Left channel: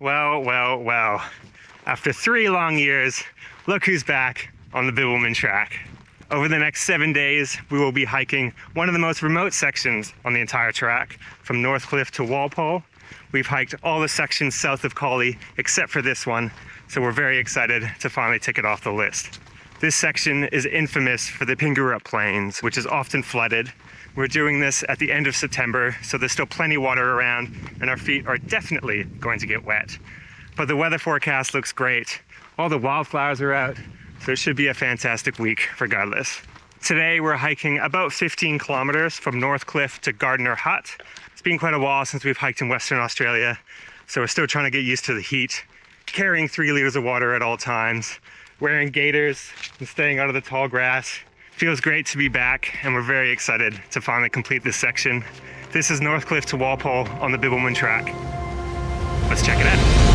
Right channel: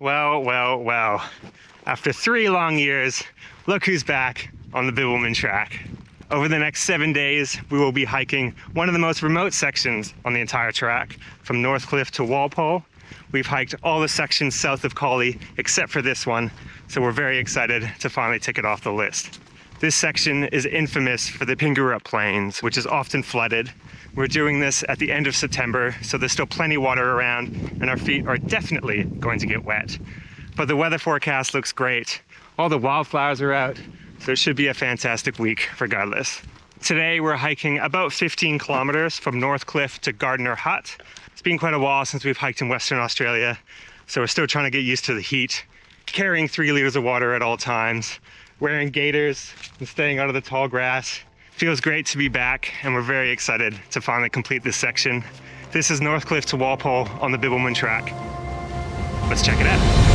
Well, well, well. After 3 long years, look who's back on the Bibbulmun Track. Over the next 7 days, we will be hiking one of the most remote sections on the entire track, from Northcliffe to Walpole. We've hiked all the sections south of Karri, except for this one, so we're very excited to finally tick it off the list. This section is infamous for the Pingerup Plains, which is often flooded. We're doing this at the end of September, so there's still plenty of water around, and our feet are definitely going to get wet. But the weather forecast looks great. All the wildflowers are out, so it should be a fantastic week regardless. Today we're hiking about 15 kilometers from Northcliffe to Gardner Hut. It's been quite a while since we've hiked in Western Australia, so we're still trying to get used to the heat. Carrying 3 liters of water at all times, wearing gaiters and staying out of the tall grass. Feels great to be back, and we're very excited to finally complete this section. This is Northcliffe to Walpole on the Bibbulmun Track. Let's check it out.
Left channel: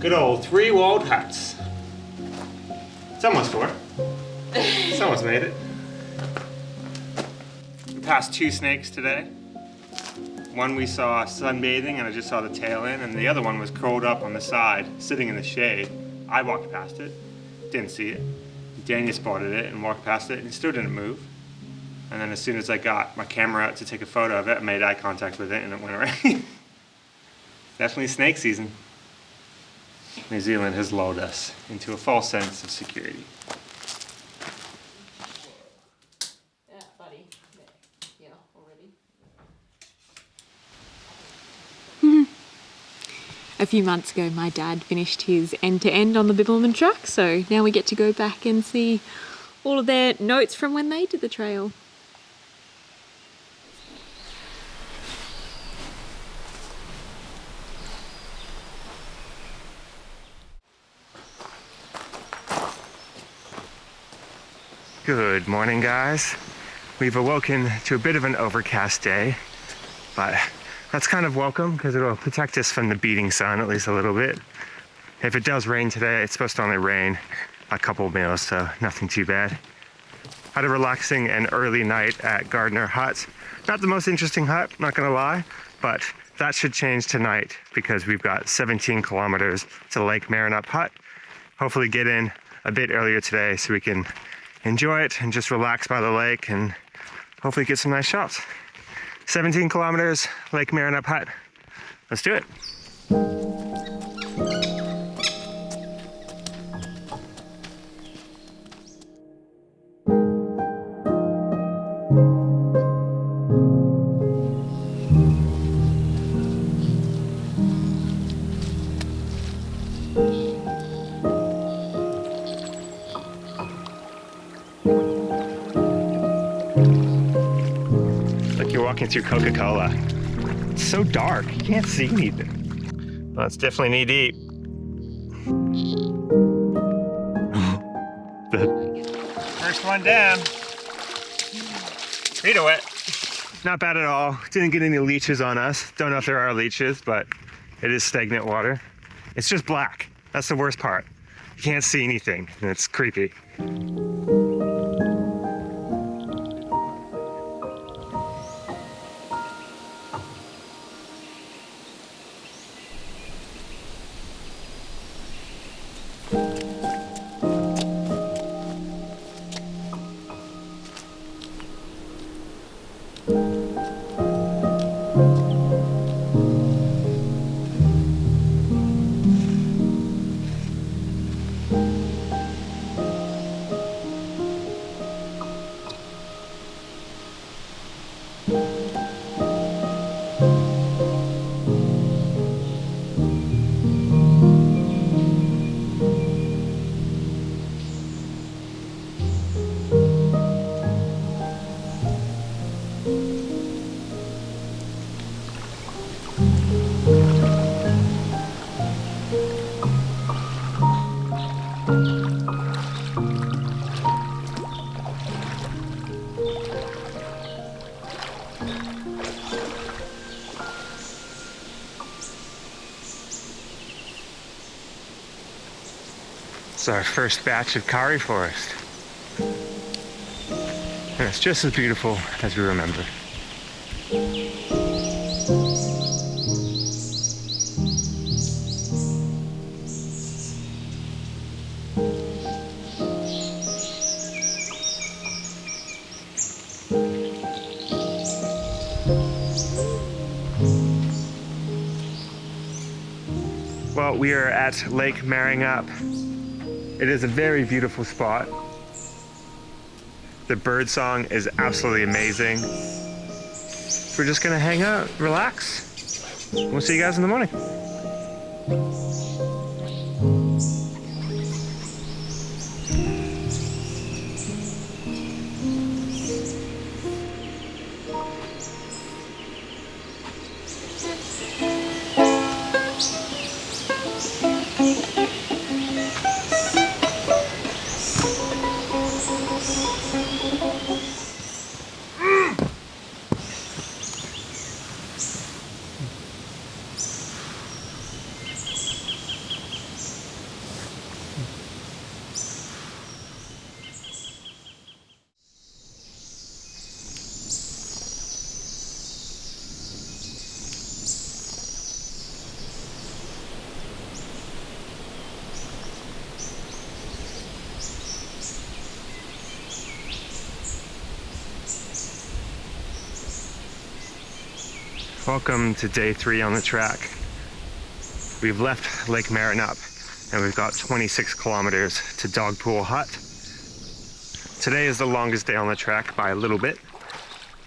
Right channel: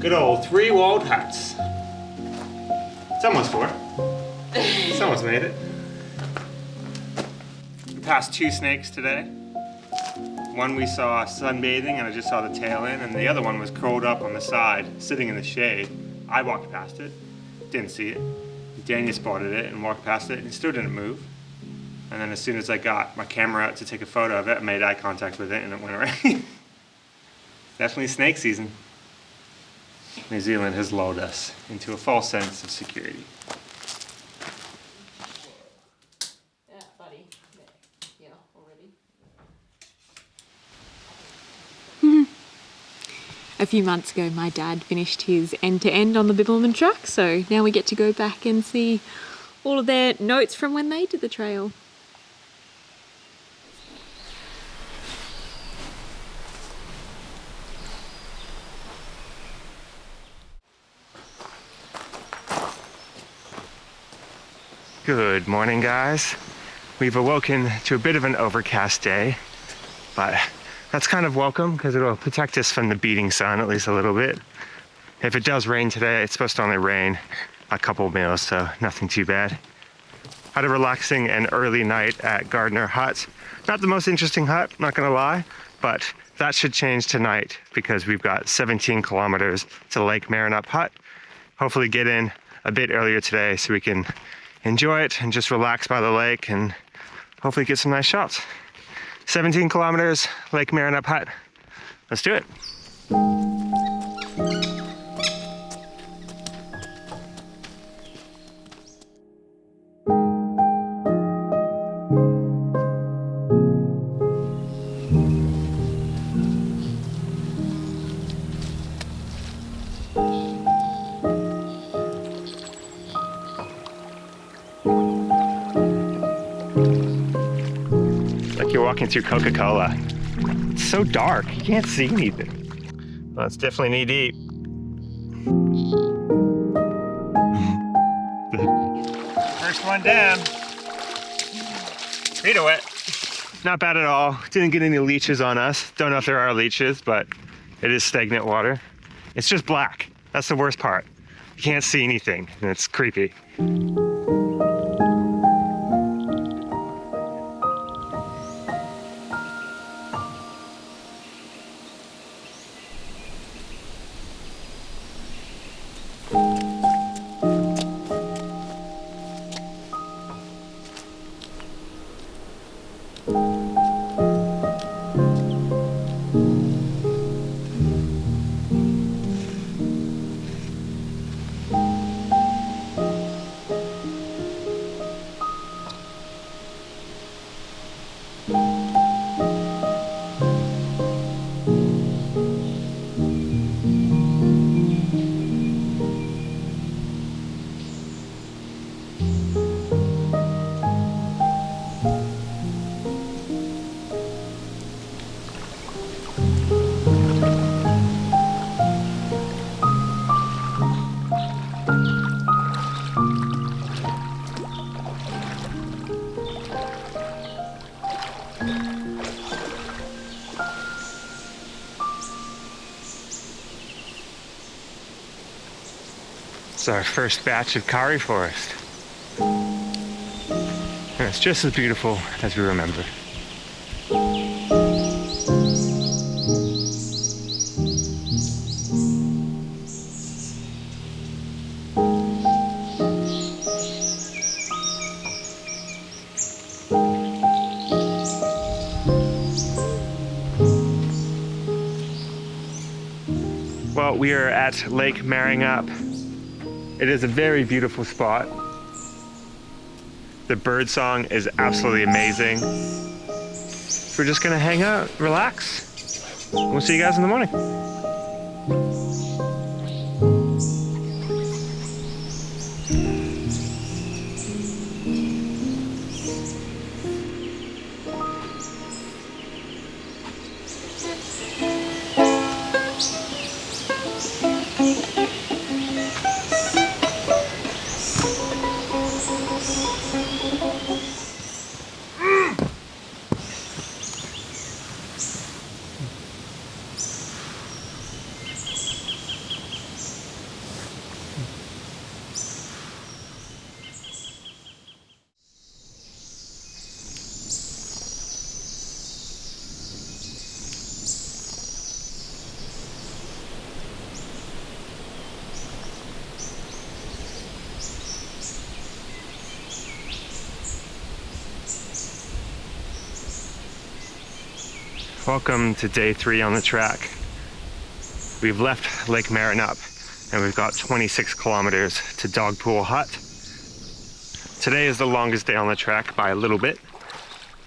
Good old 3 walled huts. It's almost 4. Someone's made it. We passed 2 snakes today. One we saw sunbathing and I just saw the tail end, and the other one was curled up on the side, sitting in the shade. I walked past it, didn't see it. Daniel spotted it and walked past it and it still didn't move. And then as soon as I got my camera out to take a photo of it, I made eye contact with it and it went away. Definitely snake season. New Zealand has lulled us into a false sense of security. Yeah, buddy. Yeah, already. A few months ago, my dad finished his end-to-end on the Bibbulmun Track, so now we get to go back and see all of their notes from when they did the trail. Good morning, guys. We've awoken to a bit of an overcast day, but that's kind of welcome because it'll protect us from the beating sun at least a little bit. If it does rain today, it's supposed to only rain a couple mils, so nothing too bad. Had a relaxing and early night at Gardner Hut. Not the most interesting hut, not gonna lie, but that should change tonight because we've got 17 kilometers to Lake Maringup Hut. Hopefully get in a bit earlier today so we can enjoy it and just relax by the lake and hopefully get some nice shots. 17 kilometers, Lake Maringup Hut. Let's do it. Like you're walking through Coca-Cola. It's so dark, you can't see anything. Well, it's definitely knee deep. First one down. Feet are wet. Not bad at all. Didn't get any leeches on us. Don't know if there are leeches, but it is stagnant water. It's just black. That's the worst part. You can't see anything, and it's creepy. It's our first batch of Karri forest. And it's just as beautiful as we remember. Well, we are at Lake Maringup. It is a very beautiful spot. The bird song is absolutely amazing. We're just gonna hang out, relax. We'll see you guys in the morning. Welcome to day 3 on the track. We've left Lake Maringup and we've got 26 kilometers to Dogpool Hut. Today is the longest day on the track by a little bit,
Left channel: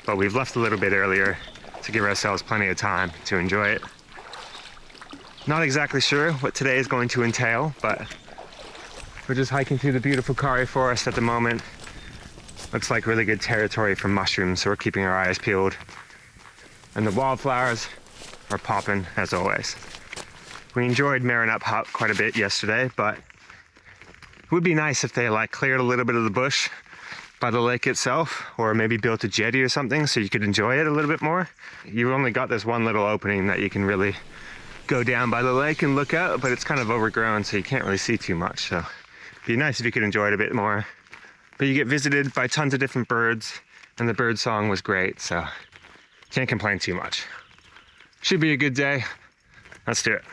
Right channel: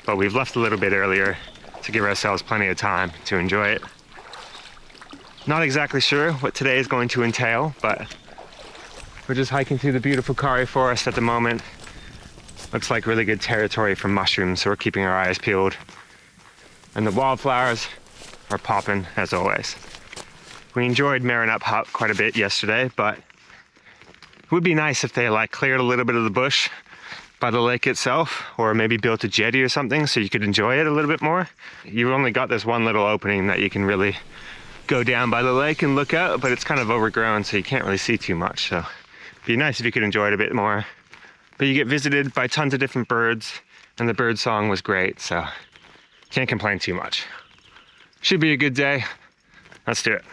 but we've left a little bit earlier to give ourselves plenty of time to enjoy it. Not exactly sure what today is going to entail, but we're just hiking through the beautiful Karri forest at the moment. Looks like really good territory for mushrooms, so we're keeping our eyes peeled. And the wildflowers are popping as always. We enjoyed Maringup Hut quite a bit yesterday, but it would be nice if they cleared a little bit of the bush by the lake itself, or maybe built a jetty or something so you could enjoy it a little bit more. You've only got this one little opening that you can really go down by the lake and look out, but it's kind of overgrown so you can't really see too much. So it'd be nice if you could enjoy it a bit more. But you get visited by tons of different birds, and the bird song was great, so can't complain too much. Should be a good day. Let's do it.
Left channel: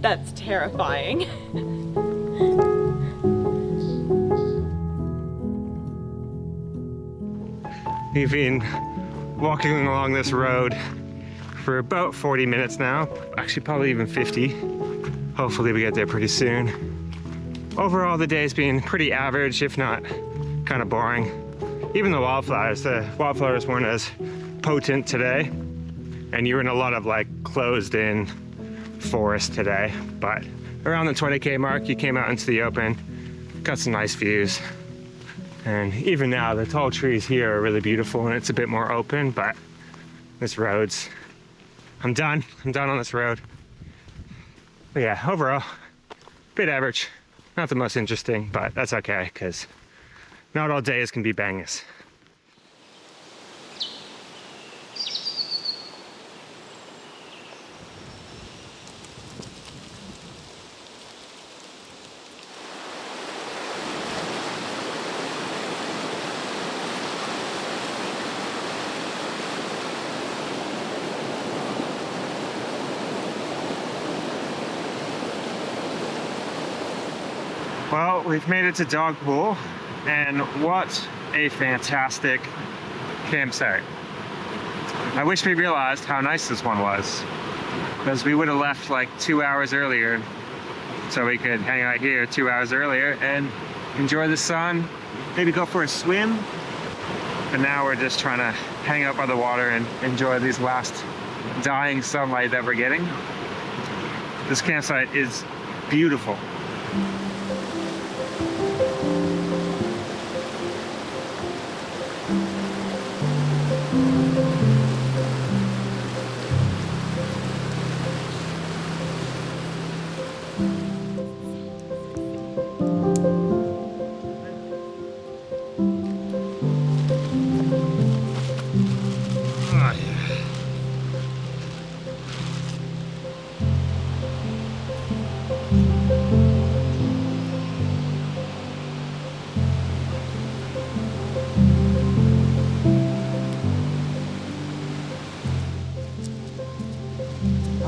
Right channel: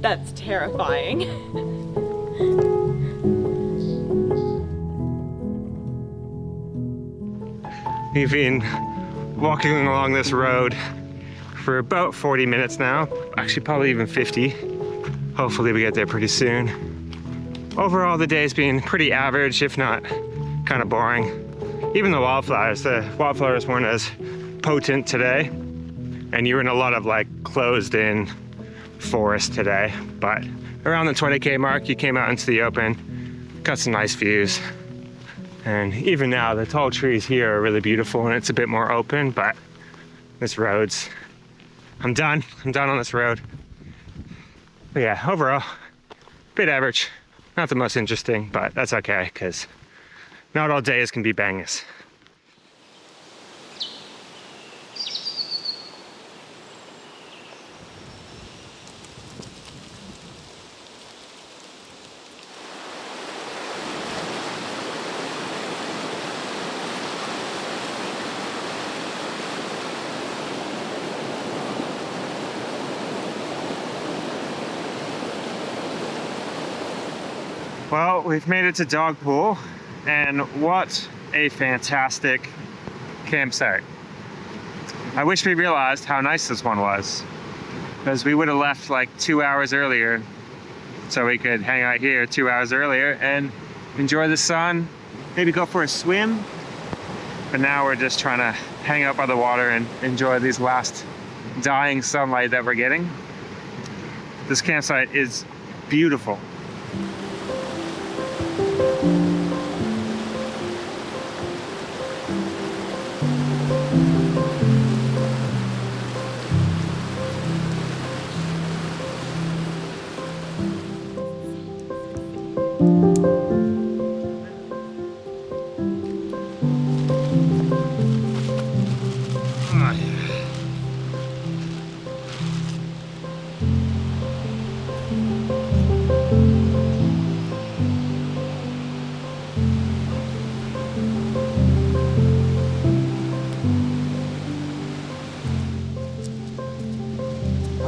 That's terrifying. We've been walking along this road for about 40 minutes now. Actually, probably even 50. Hopefully we get there pretty soon. Overall, the day's been pretty average, if not kind of boring. Even the wildflowers weren't as potent today. And you were in a lot of like closed in forest today, but around the 20k mark you came out into the open, got some nice views, and even now the tall trees here are really beautiful and it's a bit more open, but this road's I'm done on this road. But yeah, overall bit average, not the most interesting, but that's okay because not all days can be bangers. Well, we've made it to Dogpool, and what a fantastic campsite. I wish we realized how nice this one was, because we would have left like 2 hours earlier so we could hang out here 2 hours earlier and enjoy the sun, maybe go for a swim. But now we're just trying to hang out by the water and enjoy these last dying sunlight that we're getting. This campsite is beautiful.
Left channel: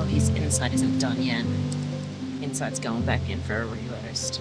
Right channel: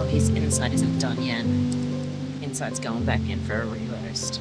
His inside isn't done yet. Inside's going back in for a re-roast.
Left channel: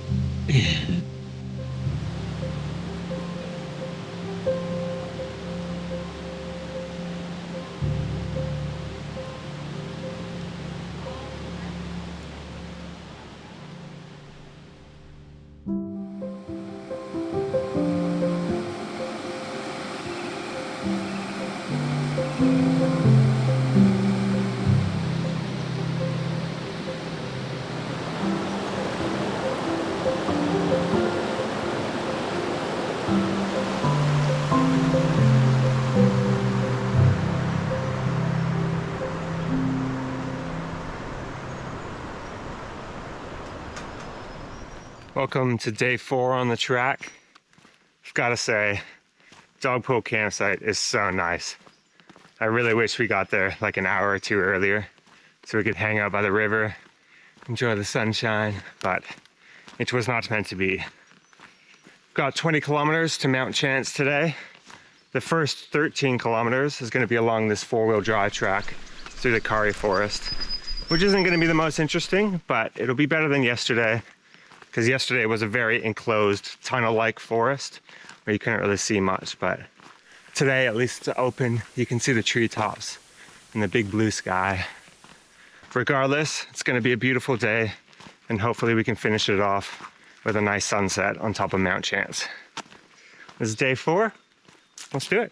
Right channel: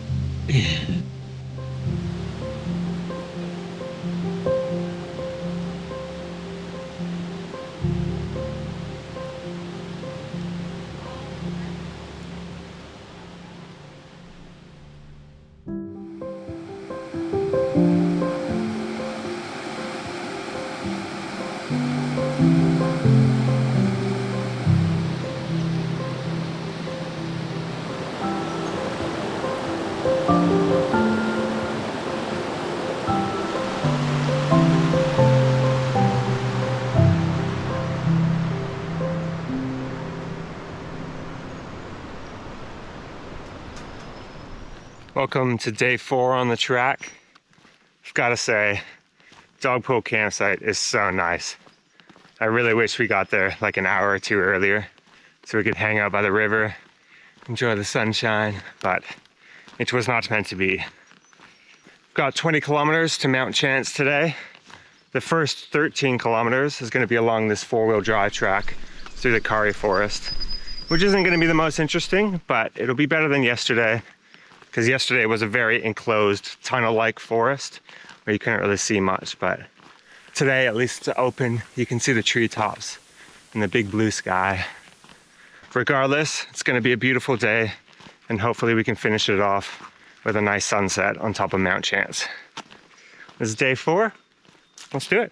Welcome to day 4 on the track. I've got to say, Dogpool campsite is so nice. I really wish we got there like an hour or two earlier so we could hang out by the river enjoy the sunshine, but it was not meant to be. Got 20 kilometers to Mount Chance today. The first 13 kilometers is going to be along this four-wheel drive track through the Karri forest, which isn't going to be the most interesting, but it'll be better than yesterday, because yesterday was a very enclosed tunnel-like forest where you couldn't really see much, but today, at least it's open, you can see the treetops and the big blue sky. Regardless, it's going to be a beautiful day, and hopefully we can finish it off with a nice sunset on top of Mount Chance. This is day 4. Let's do it.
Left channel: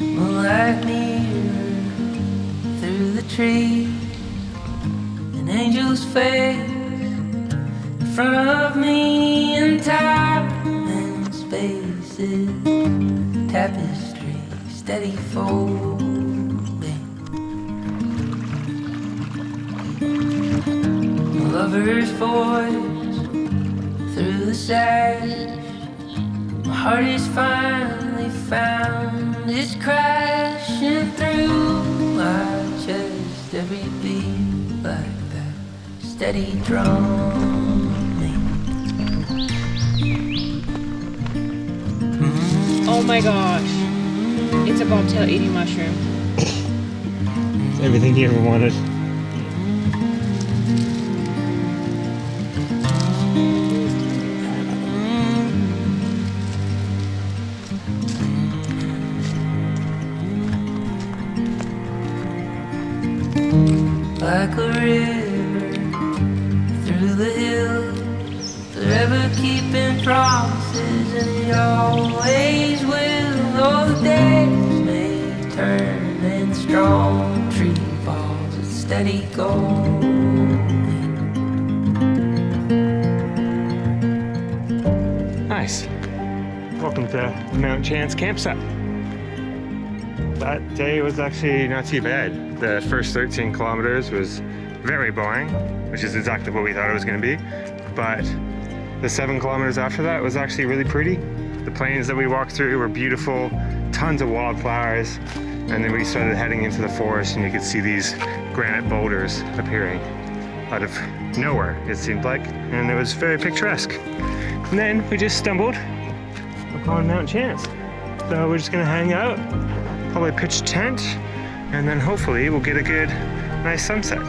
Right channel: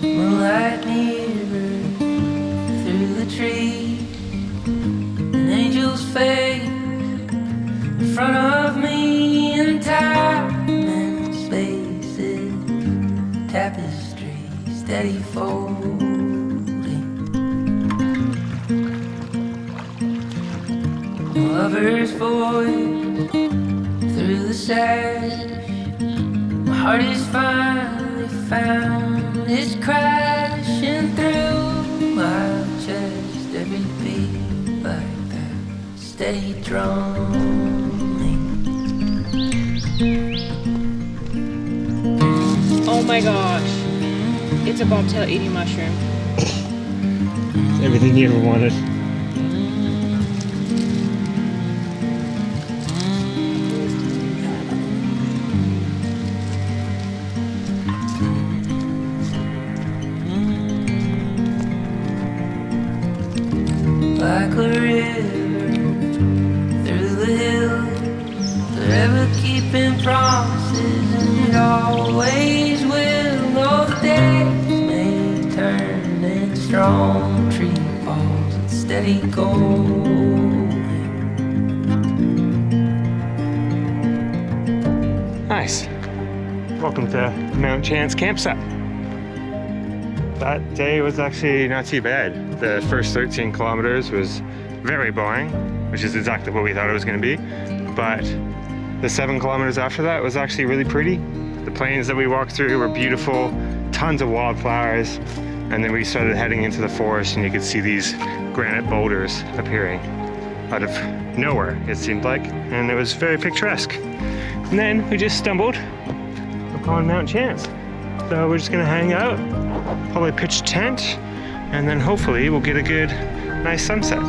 Moonlight mirror through the trees, an angel's face in front of me, and time and spaces, tapestry steady folding. A lover's voice through the sash, my heart is finally found. It's crashing through my chest, every beat like that steady drumming. Oh my gosh. It's a bobtail eating mushroom. It's everything you ever wanted. Like a river through the hills, forever keeping promises, and it always will. Though the days may turn and the strong tree falls, it's steady going. Nice. Welcome to Mount Chance campsite. That day was actually not too bad. The first 13 kilometers was very boring, which is exactly what we thought it was going to be. But the 7 kilometers after that was actually really pretty. The plains that we walked through were beautiful, tons of wildflowers. And then we started heading into the forest, and you could see these granite boulders appearing out of nowhere, it seemed like. And it was very picturesque. And then we just stumbled upon Mount Chance. So we're just going to hang out, probably pitch a tent, and then hopefully we'll get a good, nice sunset.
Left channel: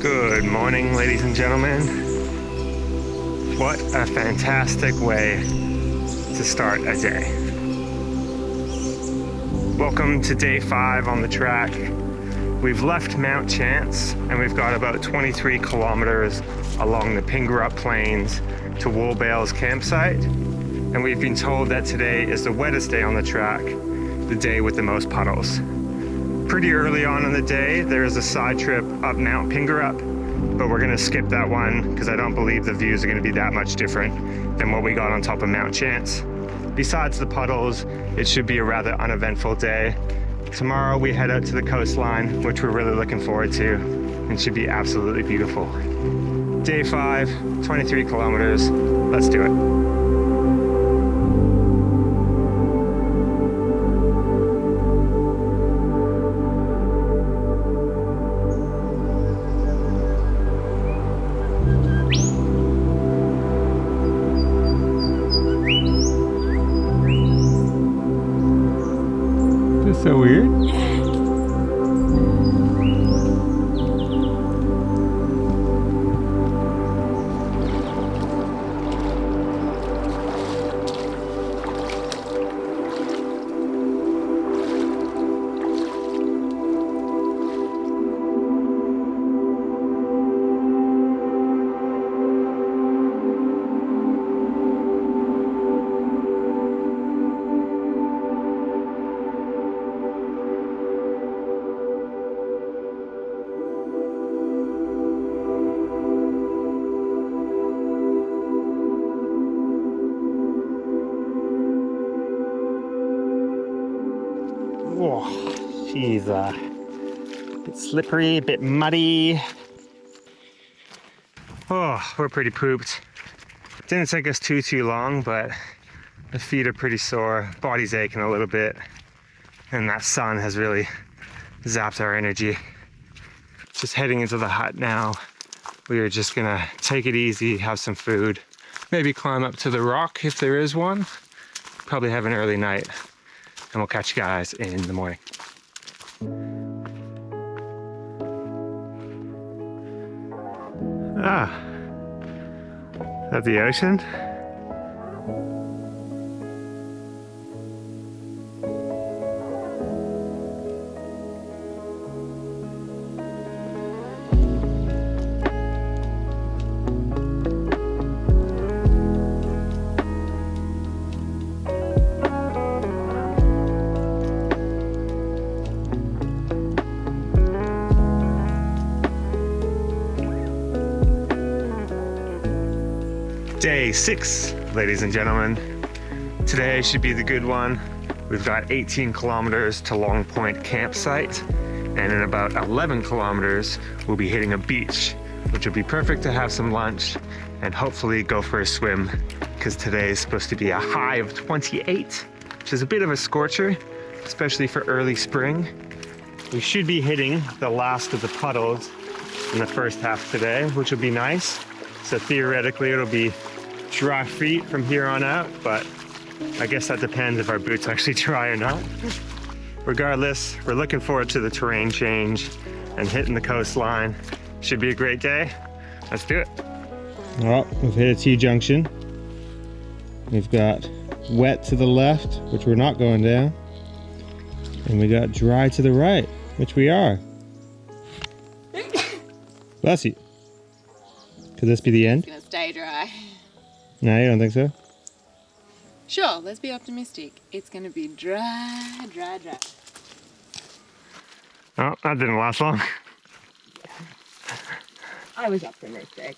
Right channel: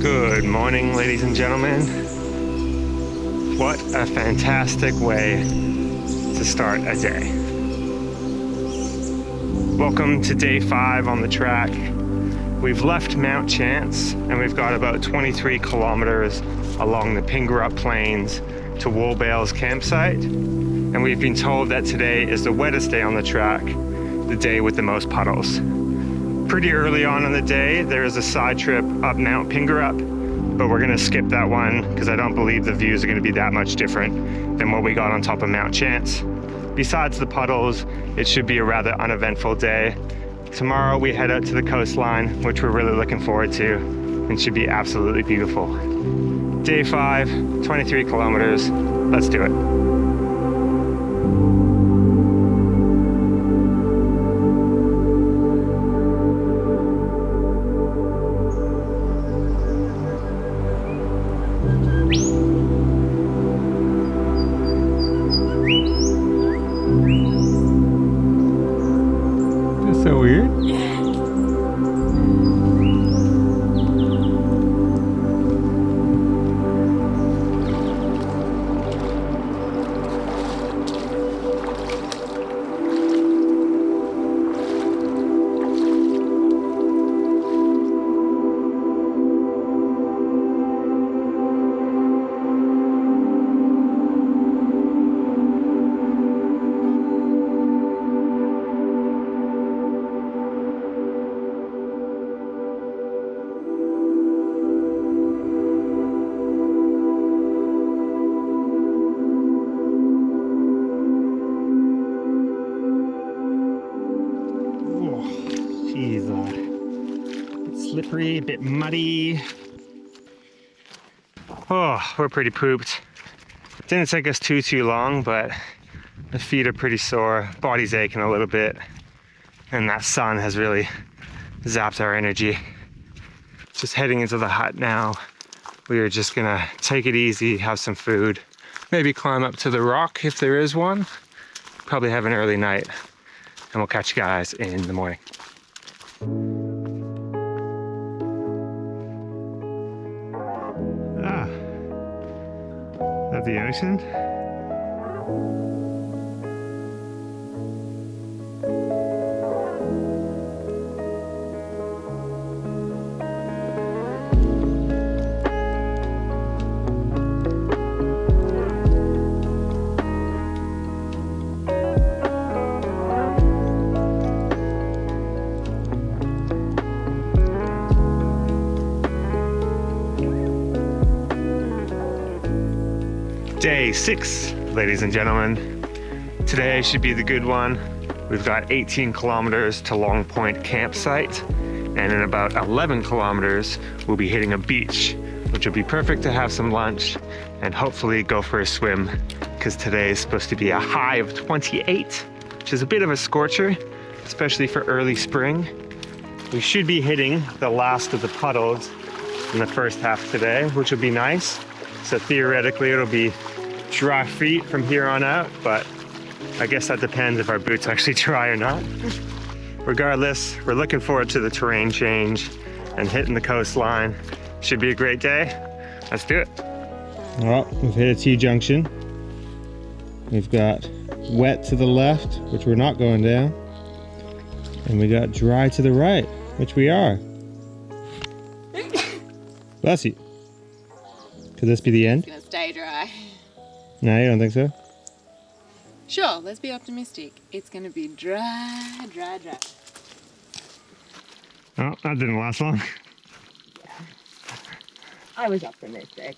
Good morning, ladies and gentlemen. What a fantastic way to start a day. Welcome to day 5 on the track. We've left Mount Chance and we've got about 23 kilometers along the Pingerup Plains to Woolbales campsite. And we've been told that today is the wettest day on the track, the day with the most puddles. Pretty early on in the day, there is a side trip up Mount Pingerup, but we're gonna skip that one because I don't believe the views are gonna be that much different than what we got on top of Mount Chance. Besides the puddles, it should be a rather uneventful day. Tomorrow we head out to the coastline, which we're really looking forward to, and should be absolutely beautiful. Day 5, 23 kilometers, let's do it. That's so weird. Oh, she's a bit slippery, a bit muddy. Oh, we're pretty pooped. Didn't take us too long, but the feet are pretty sore, body's aching a little bit, and that sun has really zapped our energy. Just heading into the hut now. We are just gonna take it easy, have some food, maybe climb up to the rock if there is one, probably have an early night, and we'll catch you guys in the morning. Ah, is that the ocean? Day 6, ladies and gentlemen. Today should be the good one. We've got 18 kilometers to Long Point campsite, and in about 11 kilometers, we'll be hitting a beach, which will be perfect to have some lunch and hopefully go for a swim, because today is supposed to be a high of 28, which is a bit of a scorcher, especially for early spring. We should be hitting the last of the puddles in the first half today, which will be nice. So theoretically, it'll be dry feet from here on out, but I guess that depends if our boots actually dry or not. Regardless, we're looking forward to the terrain change and hitting the coastline. Should be a great day. Let's do it. Well, we've hit a T-junction. We've got wet to the left, which we're not going down. And we got dry to the right, which we are. Bless you. Could this be the end? It's gonna stay dry. No, you don't think so? Sure, let's be optimistic. It's gonna be dry. Oh, that didn't last long. I was optimistic.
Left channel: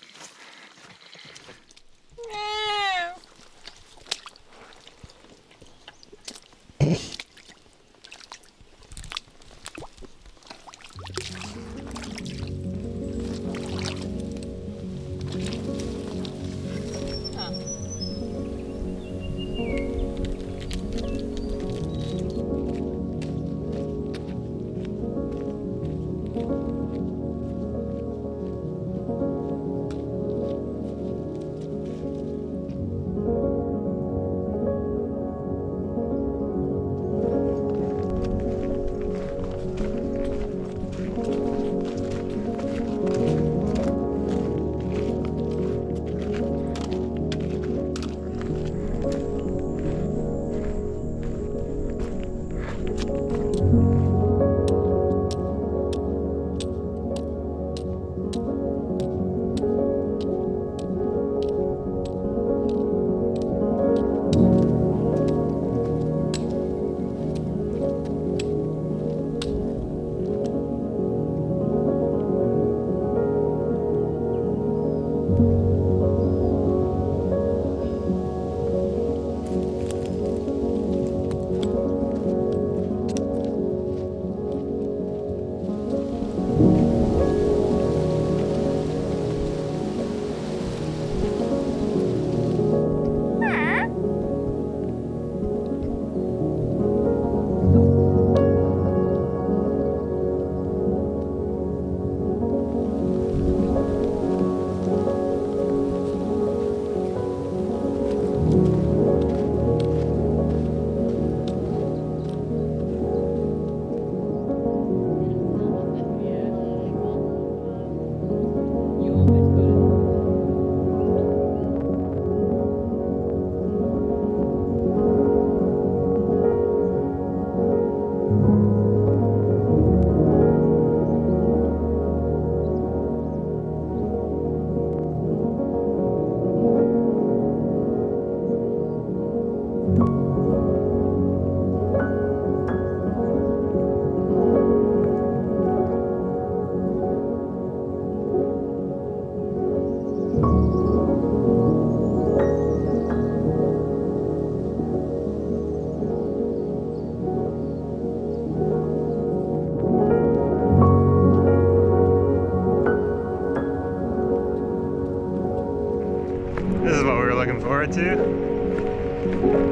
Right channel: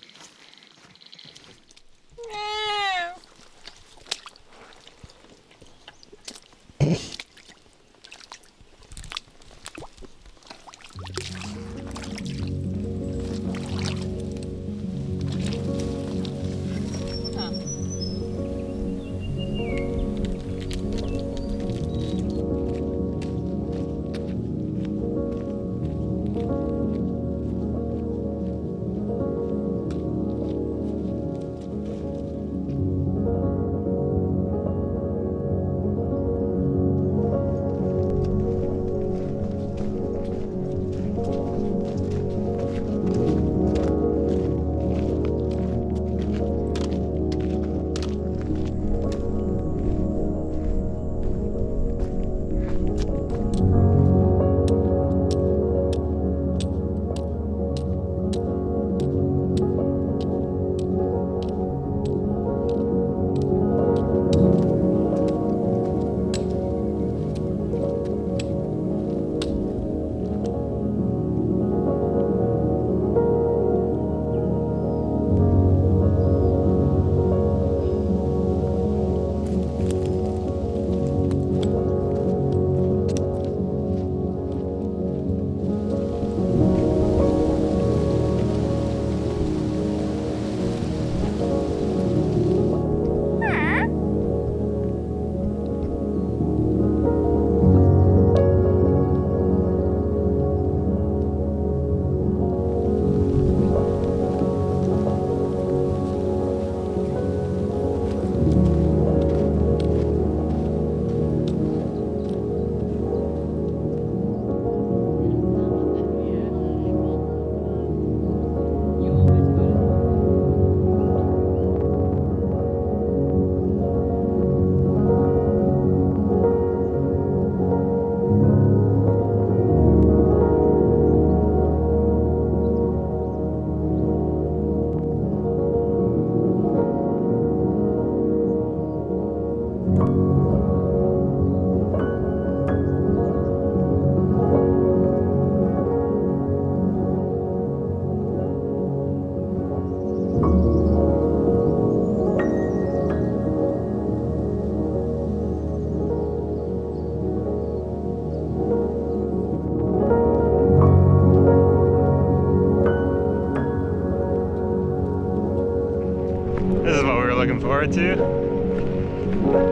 This is what we were looking forward to.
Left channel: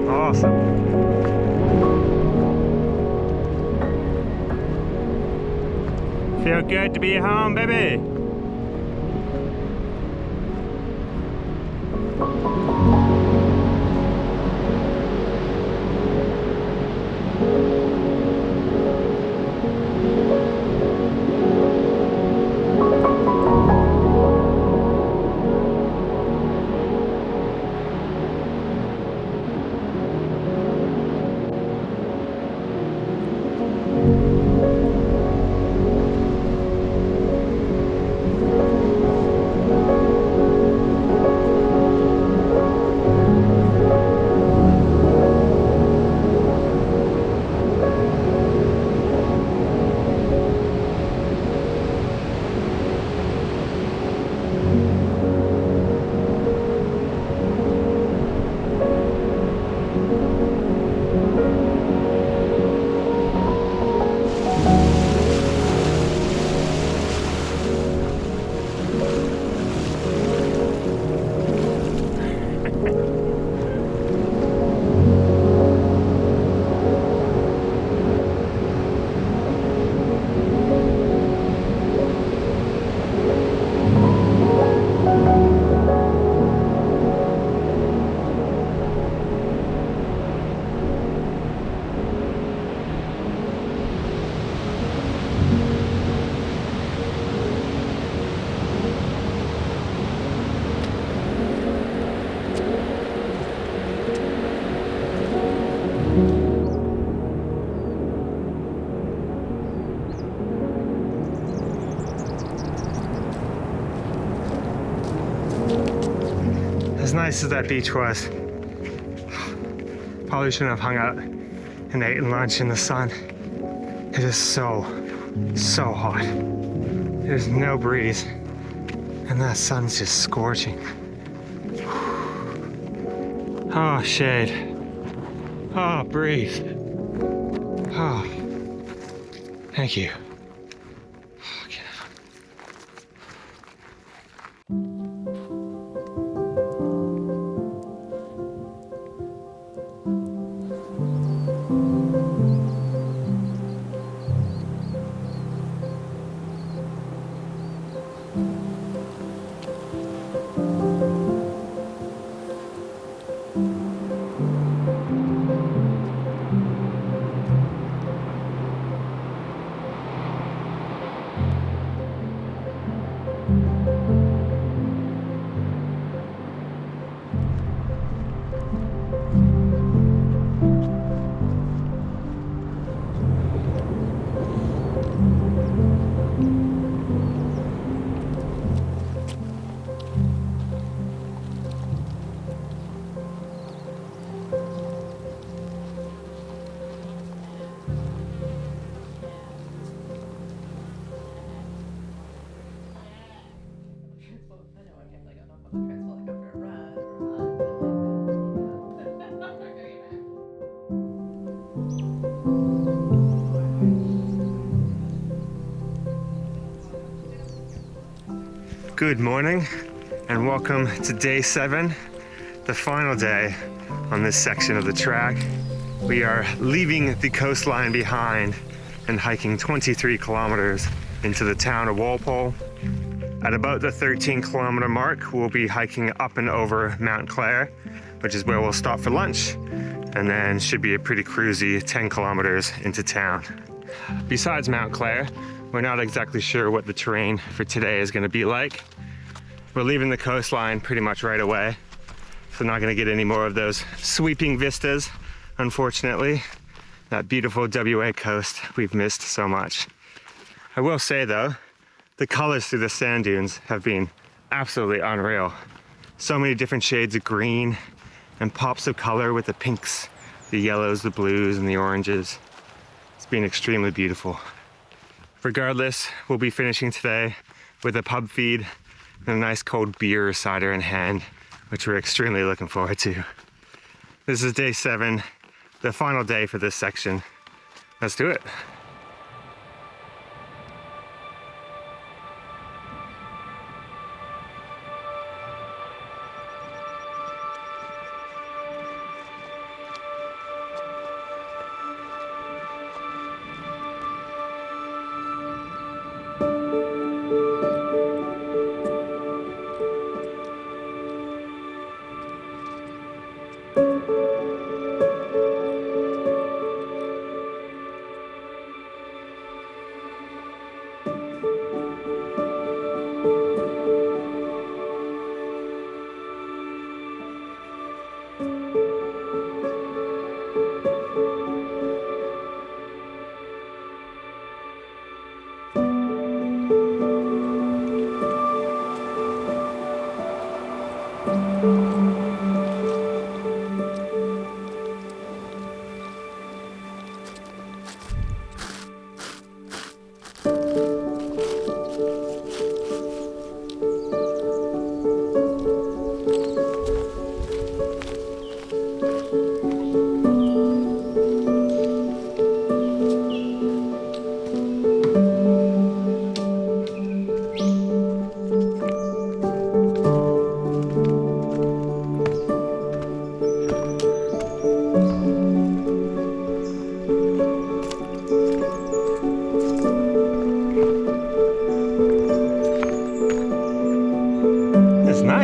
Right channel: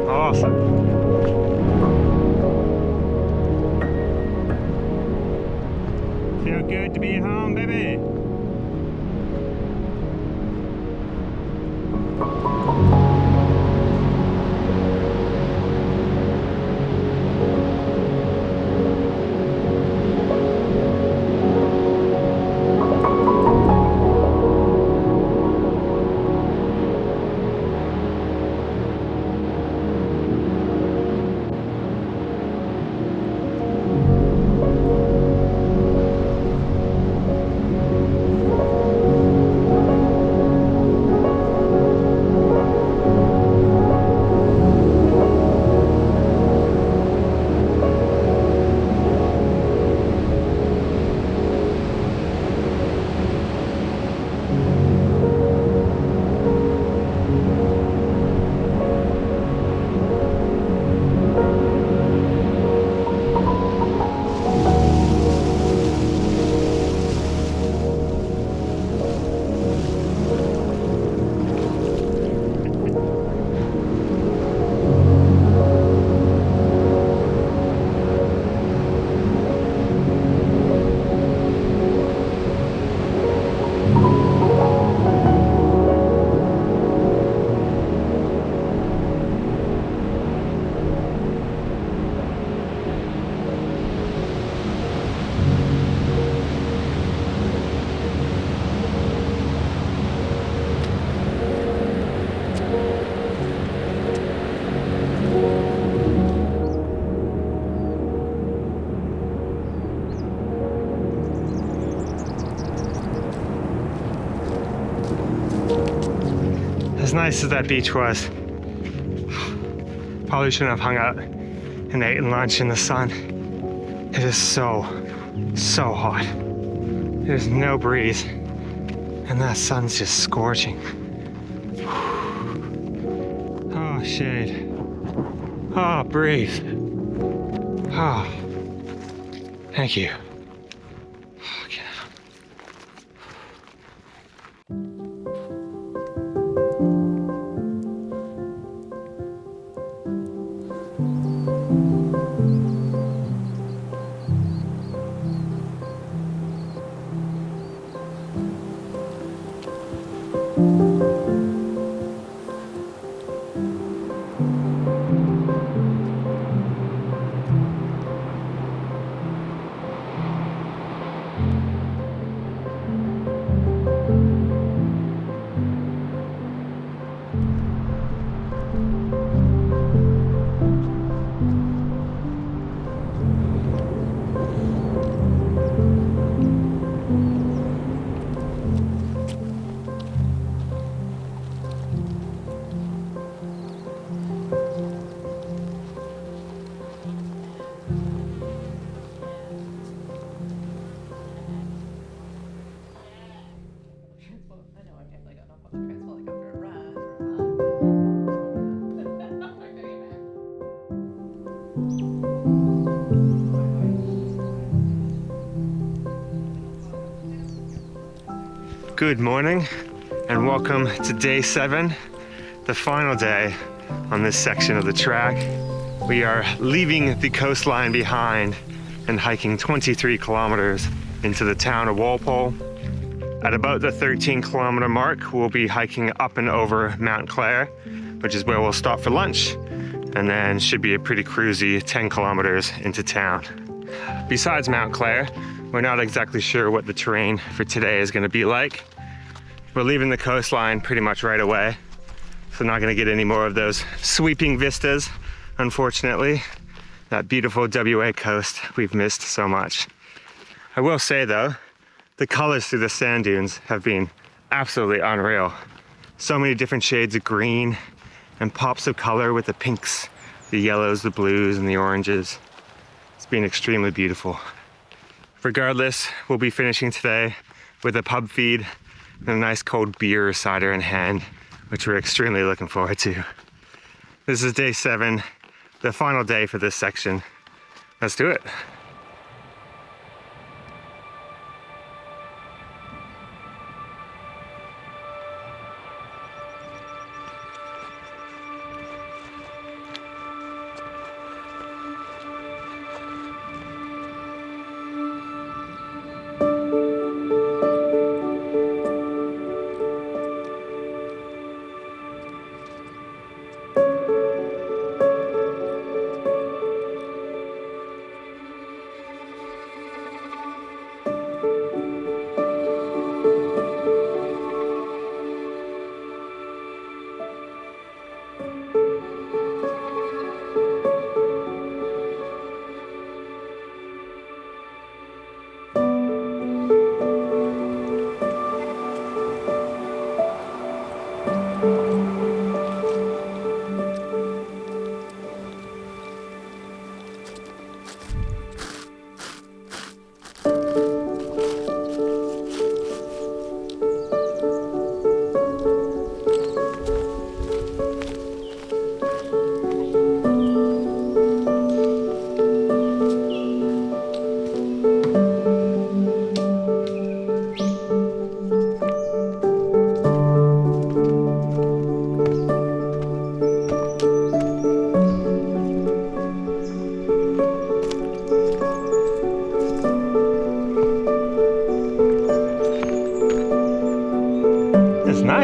Awesome. Feel good to be home, baby. As nice as that beach was, probably shouldn't have hung out and eaten lunch in the sun. It is so hot. There's no breeze, and that sun's just scorching. Oh, shade. Oh, breathe. Oh, thank you. Okay. I know I've definitely gotten off on the transport like after a run Good morning and welcome to day 7, the final day on this section of the track. We are leaving the coastline behind and hiking 23 kilometers into the town of Walpole. At about the 13-kilometer mark, we'll be hiking up and over Mount Clare, which is where we'll stop for lunch, and then should be a pretty cruisy 10 kilometers into town. Besides Mount Clare, we're not exactly sure what the terrain for today is going to be like. We're leaving the coastline pretty much right away, so not going to get any more of those sweeping vistas, unfortunately. That beautiful WA coast we've missed so much. I will say though, the colors through the sand dunes have been absolutely unreal. So many different shades of green and pops of color with the pinks, the yellows, the blues, and the oranges. It's been extremely beautiful. Regardless, we'll be finishing today with a pub feed and a nice cold beer or cider in hand, which we're extremely looking forward to. This is day 7, the final day for this section. Let's do it.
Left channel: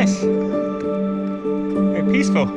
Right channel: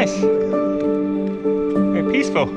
nice. Very peaceful.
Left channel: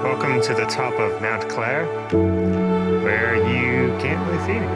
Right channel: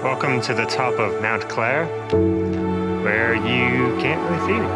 Welcome to the top of Mount Clare, where you can't really see me.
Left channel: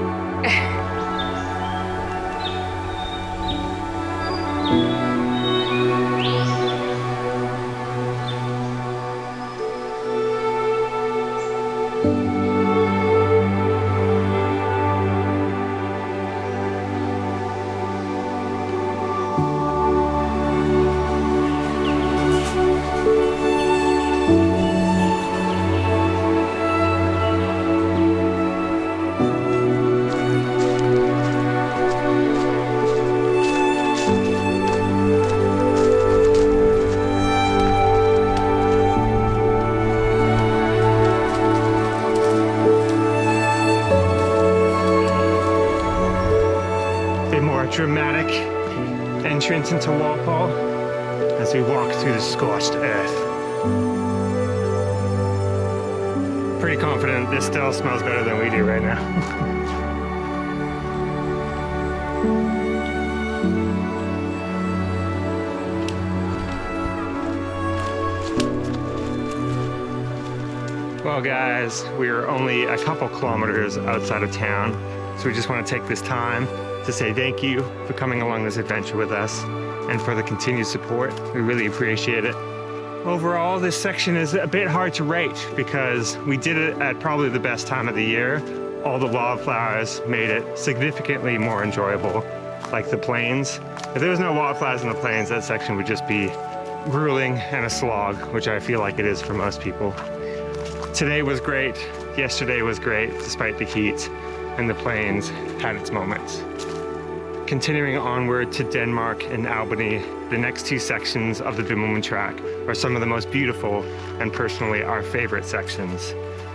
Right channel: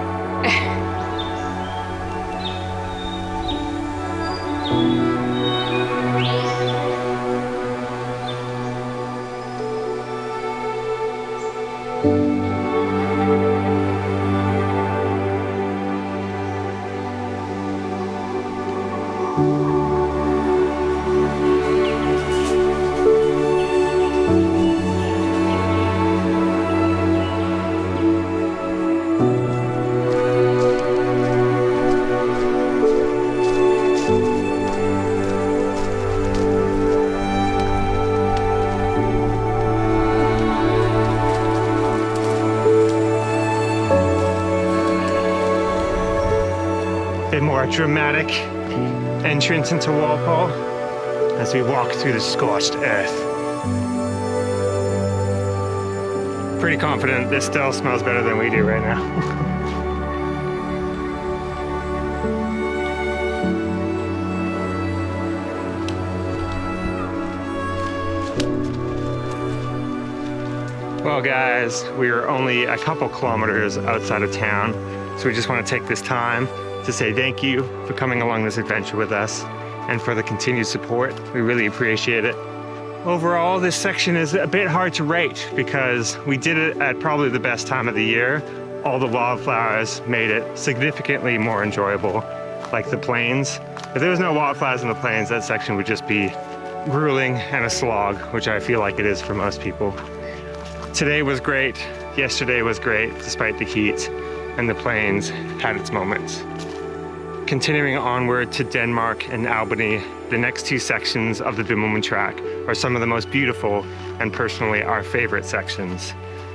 A more dramatic entrance into Walpole as we walk through the scorched earth. Pretty confident this still smells better than we do right now. Well guys, we are only a couple kilometers outside of town, so we just want to take this time to say thank you for coming along this adventure with us and for the continued support. We really appreciate it. Overall, this section is a bit hard to rate because we did it at probably the best time of the year. All the wildflowers made it significantly more enjoyable, like the plains. If there was no wildflowers in the plains, that section would just be grueling and a slog, which I feel like it is for most people. Today was great, yesterday was great despite the heat, and the plains had its moments. Continuing onward to Denmark and Albany, the next two sections of the Bibbulmun Track are some of the most beautiful and personally our favorite sections.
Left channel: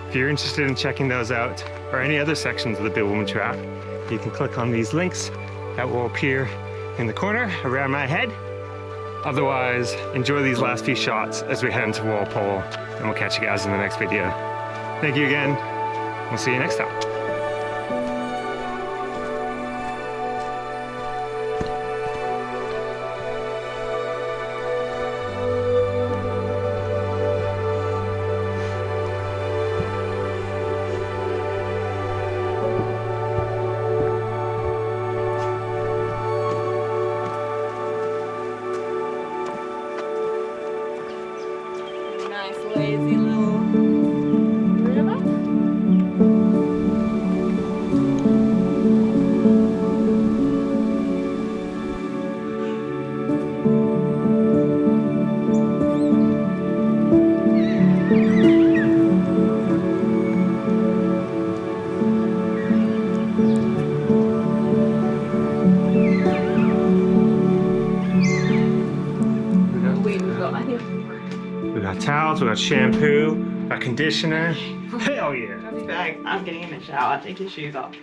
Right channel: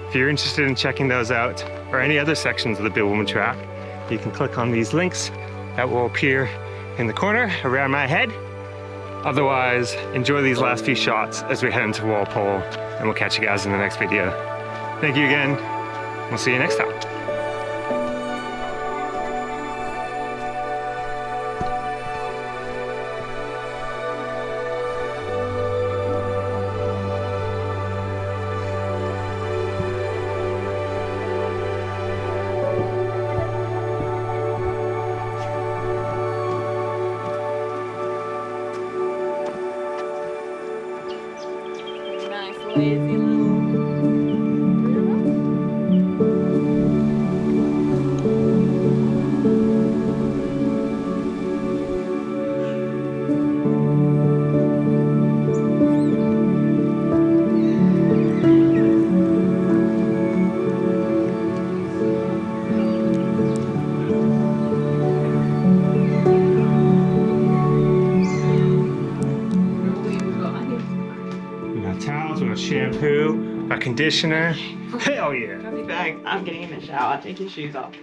If you're interested in checking those out or any other sections of the Bibbulmun Track, you can click on these links that will appear in the corner around my head. Otherwise, enjoy these last few shots as we head into Walpole, and we'll catch you guys in the next video. Thank you again. We'll see you next time. Nice lazy little river. We got towels, we got shampoo, a conditioner. Hell yeah! Coffee bag. I'm getting in the shower. Take your shoes off.